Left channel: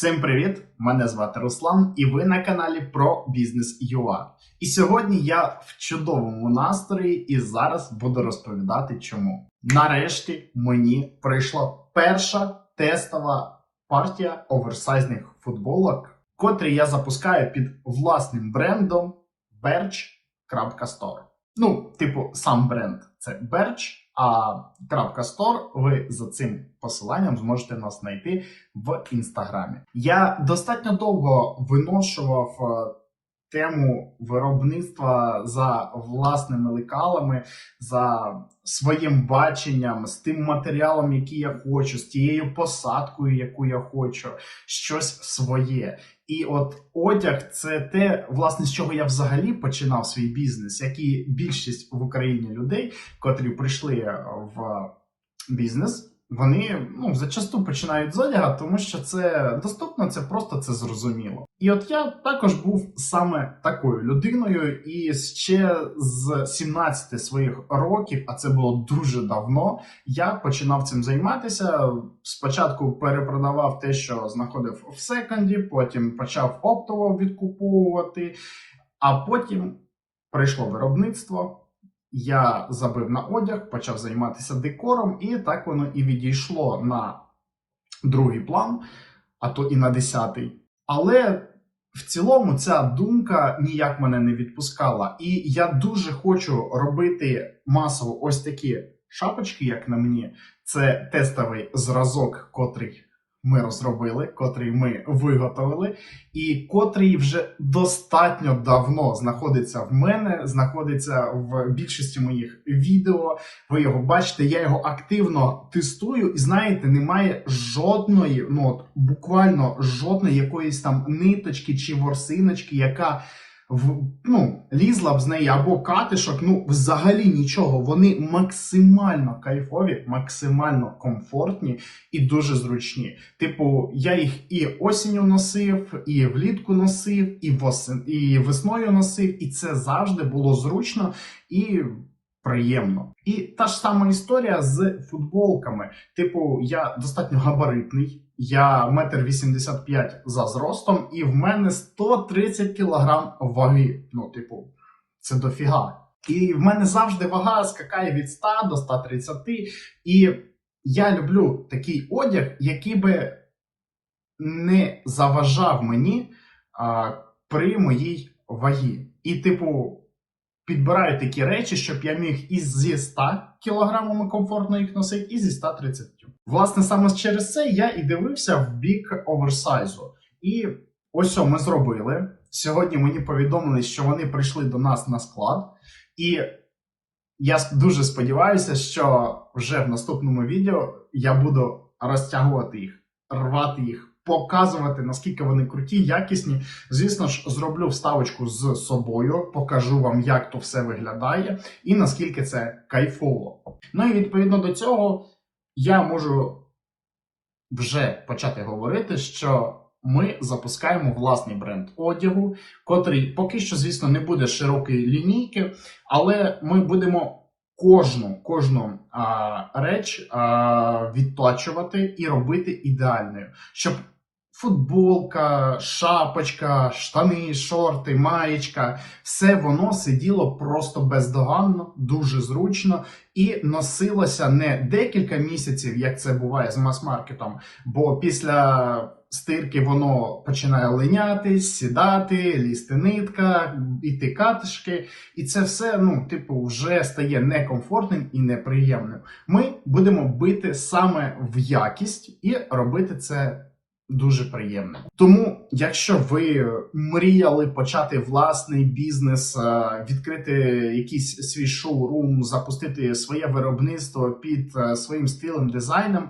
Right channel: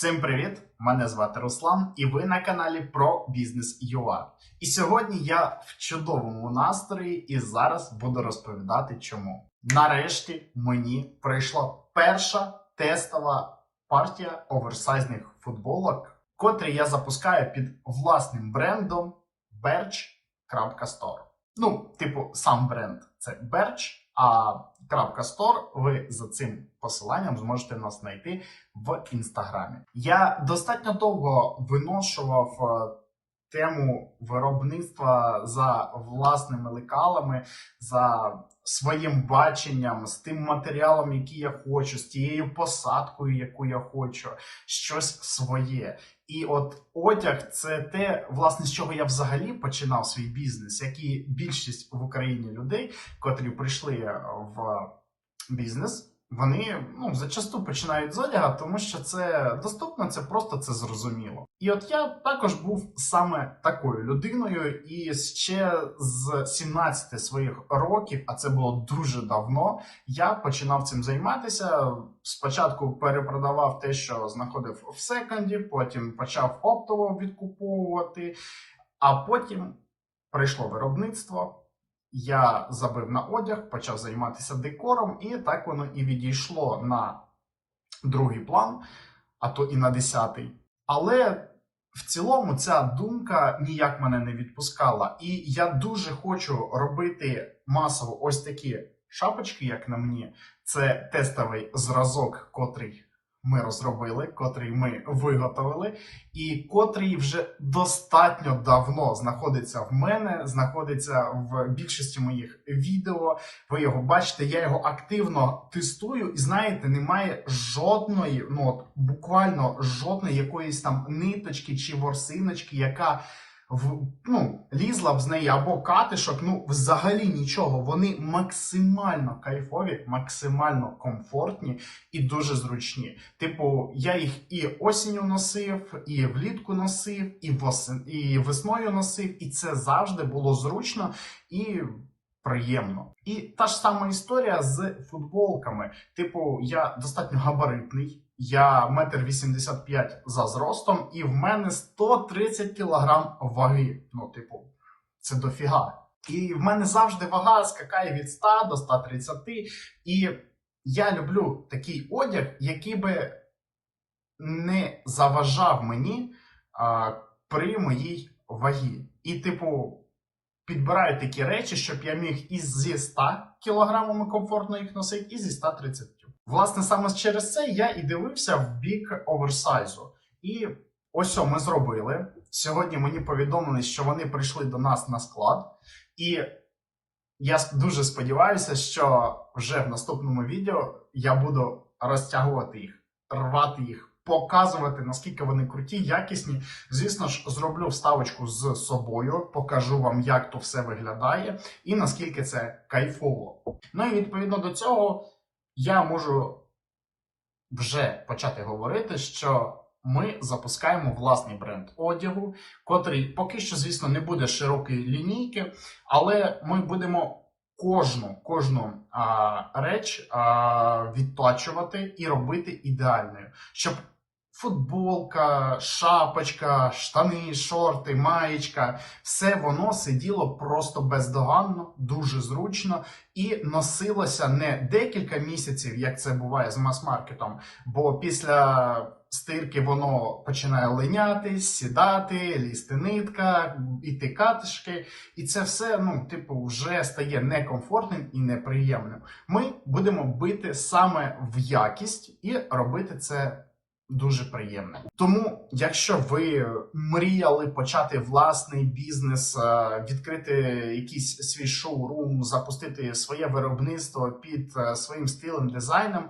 Всім привіт! Мене звати Руслан, і ви на каналі про бізнес UA. І сьогодні я в чудовому настрої і зараз буду розповідати, чому. Нарешті мені прийшла перша тестова партія оверсайзних футболок, котрі я запускаю під власним брендом Birch.store. Ну, типу, сам бренд це Birch, а .store ви за цим посиланням зможете нас знайти в інстаграмі. Я достатньо довго виношував е, тему виробництва за власними лекалами, за своїм баченням, з тим матеріалом, який я хочу, з тією посадкою, яку я хочу, щось своє. І от одяг це те, власне, з чого я взагалі починав свій бізнес, як і більшість в Україні людей, котрі прийшли в бізнес. Вони ну зачасту починають з одяга, тому що це доступно, це просто це зрозуміло. І от я також був саме такою людиною, і ще з 17 своїх років, а це було дуже давно. Я починав цим займатися. Спочатку перепродавав те, що знаходив в секонді, потім почав оптово відкуповувати, а потім прийшло виробництво. Я забив на одяг, почав займатися декором, і так воно і відійшло на другий план, а то і на десятий. Але в цілому ця думка ніяк мене не відпускала. І я дуже хочу робити масово ось такі шапочки, як на мені. Це тестовий зразок, котрий ми розробили, котрий ми виготовили, і котрий вже достатньо давно знаходиться в мене, знаходиться в більшості моїх відео. Ви його бачите, я його активно тестую, і знаєте, немає жодної, ну от буквально жодної якоїсь там ниточки чи ворсиночки, яка в ну, лізла б з неї або катишок, ну взагалі нічого. Вони максимально кайфові, максимально комфортні і дуже зручні. Типу, я їх і осінню носив, і влітку носив, і восен, і весною носив, і це завжди було зручно і. Приємно. І та ж сама історія з футболками. Типу, я достатньо габаритний, я метр вісімдесят п'ять за зростом, і в мене 130 кілограм ваги. Ну, типу, це дофіга. І в мене завжди вага скакає від 100 до 130. І я люблю такий одяг, який би не заважав мені а, при моїй вагі. І, типу, підбираю такі речі, щоб я міг і зі 100 кілограмами комфортно їх носити, і зі 130. Власне, саме через це я і дивився в бік оверсайзу. І ось що ми зробили. Сьогодні мені повідомили, що вони прийшли до нас на склад, і я дуже сподіваюся, що вже в наступному відео я буду розтягувати їх, рвати їх, показувати, наскільки вони круті, якісні. Звісно ж, зроблю вставочку з собою, покажу вам, як то все виглядає, і наскільки це кайфово. Ну і відповідно до цього я можу вже почати говорити, що ми запускаємо власний бренд одягу, котрий поки що, звісно, не буде широкої лінійки, але ми будемо кожну кожну а, реч а, відточувати і робити ідеальною, щоб футболка, шапочка, штани, шорти, маєчка все воно сиділо просто бездоганно, дуже зручно і носилося не декілька місяців, як це буває з мас-маркетом, бо після стирки воно починає линятись, сідати, лізти нитка, іти катишки, і це все, ну, типу, вже стає некомфортним і неприємним. Ми будемо бити саме в якість і робити це. Дуже приємне. Тому, якщо ви мріяли почати власний бізнес, е, відкрити якийсь свій шоурум, запустити своє виробництво під е, своїм стилем, дизайном,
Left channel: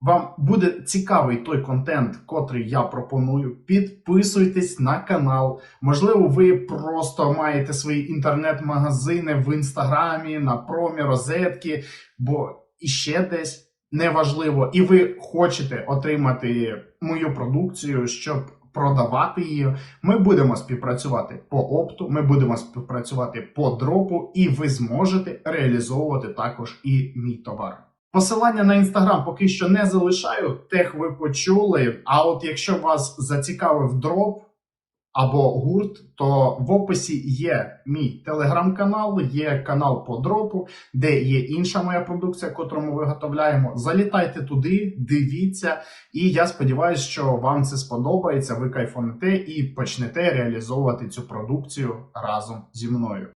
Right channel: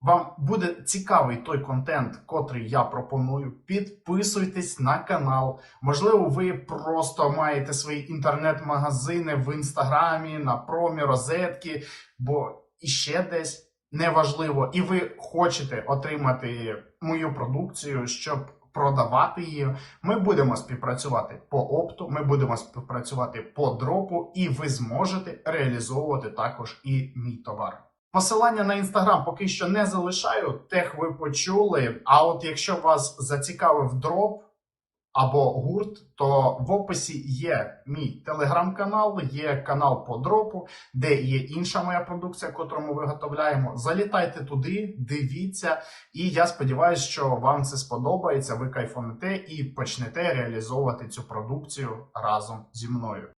вам буде цікавий той контент, котрий я пропоную. Підписуйтесь на канал. Можливо, ви просто маєте свої інтернет-магазини в інстаграмі, на промі, розетки, бо іще десь неважливо, і ви хочете отримати мою продукцію, щоб продавати її. Ми будемо співпрацювати по опту, ми будемо співпрацювати по дропу, і ви зможете реалізовувати також і мій товар. Посилання на інстаграм поки що не залишаю, тех ви почули. А от якщо вас зацікавив дроп або гурт, то в описі є мій телеграм-канал, є канал по дропу, де є інша моя продукція, котру ми виготовляємо. Залітайте туди, дивіться, і я сподіваюся, що вам це сподобається. Ви кайфонете і почнете реалізовувати цю продукцію разом зі мною.